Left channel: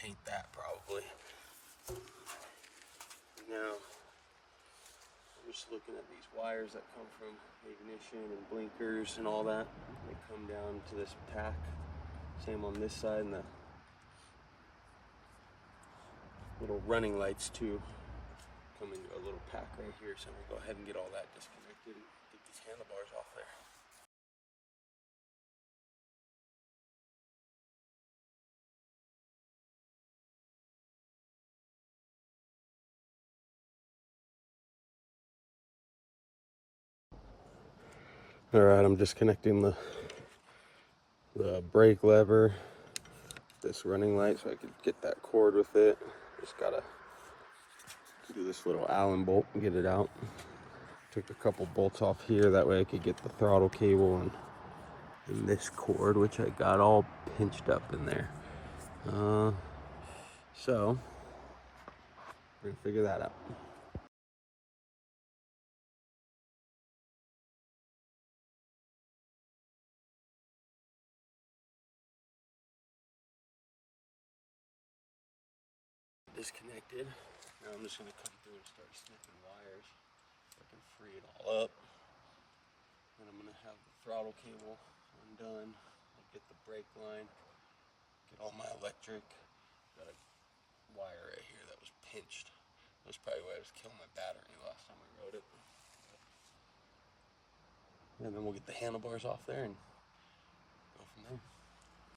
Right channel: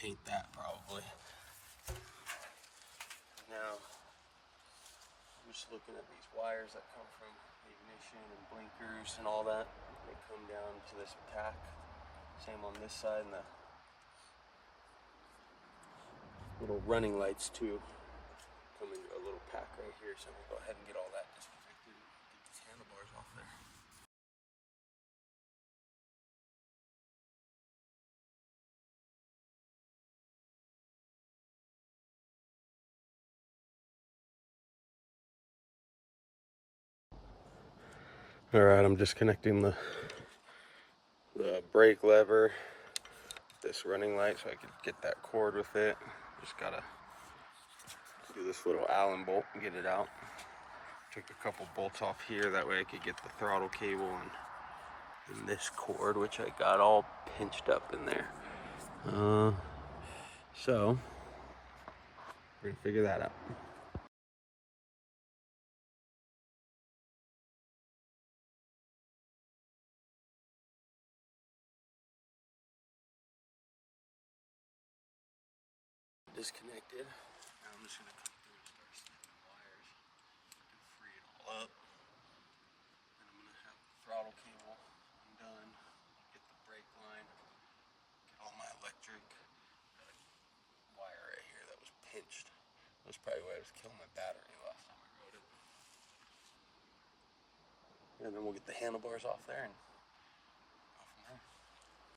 hate that probably. Now, I'm just looking at these wires that come from the ignition and blinkers and all that. They come down to this pack. Same on this side, and the little running lights too come into a little pack right here. So we'll go ahead and get all that disconnected and get these handlebars off there. Alright, I'm disconnecting the brake lever, this running light, so I can get that cord with it. Just gotta do this little Allen bolt and get it out. Took a couple bolts off here, that way I could get the throttle cable and this cord, which I got all pinched up in there. So, we're gonna figure that out. Disconnected. Now I'm just gonna come through and start snipping wires so I can free it all up. And I'm gonna have the throttle cable undone, get the brake line, get all my electric. Got a wire right here that was pinched. That's probably why I was killing my battery last time I rode it. And then we'll get the handlebars off there and